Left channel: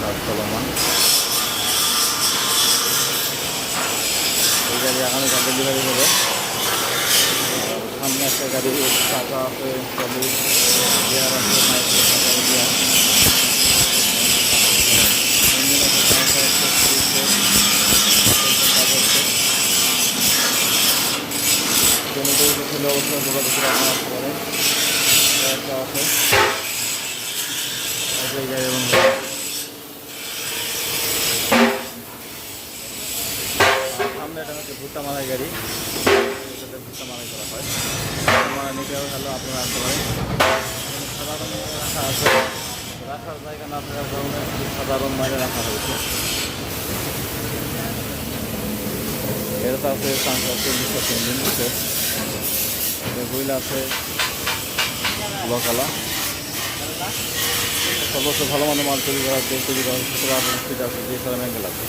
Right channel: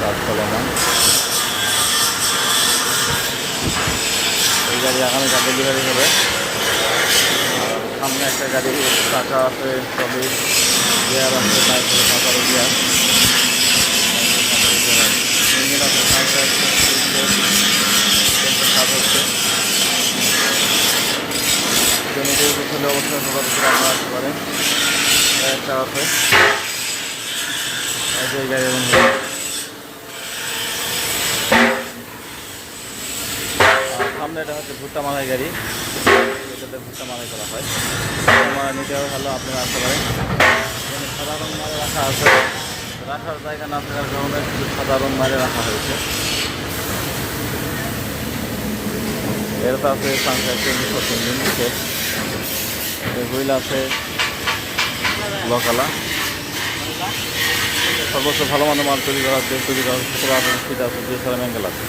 কাজ চলমান। এই গাড়ি আগামীকাল ডেলিভারি হবে। আর সামনে একটা গাড়ি টাকা আছে, সবই গিয়ার আছে, নাইট্রো সাঁতারো গিয়ার, ইঞ্জিন আছে, কাজ হচ্ছে। জমিতে হলে অবশ্যই যোগাযোগ করে আপনারা আসতে পারেন। একটা আছে এই গাড়ি এবং সামনে এটা হচ্ছে ভুট্টা মালাই গাড়ি, এটাতে ভুট্টা মালাই করা হয়। মালা নিতে হলে আপনারা আসতে পারেন। সাধারণ মালে রাখা আছে, রাখার জায়গা না থাকার কারণে শুধু সাধারণ মালে রাখা হয়েছে। এটা তো আছে ইঞ্জিন আছে, হুইল আছে ব্লকালা। সর্বোচ্চ ভালো মানের মাল তৈরি করা আছে, 17-18 ফিট আছে, যে সারা অ্যাঙ্গেল আছে।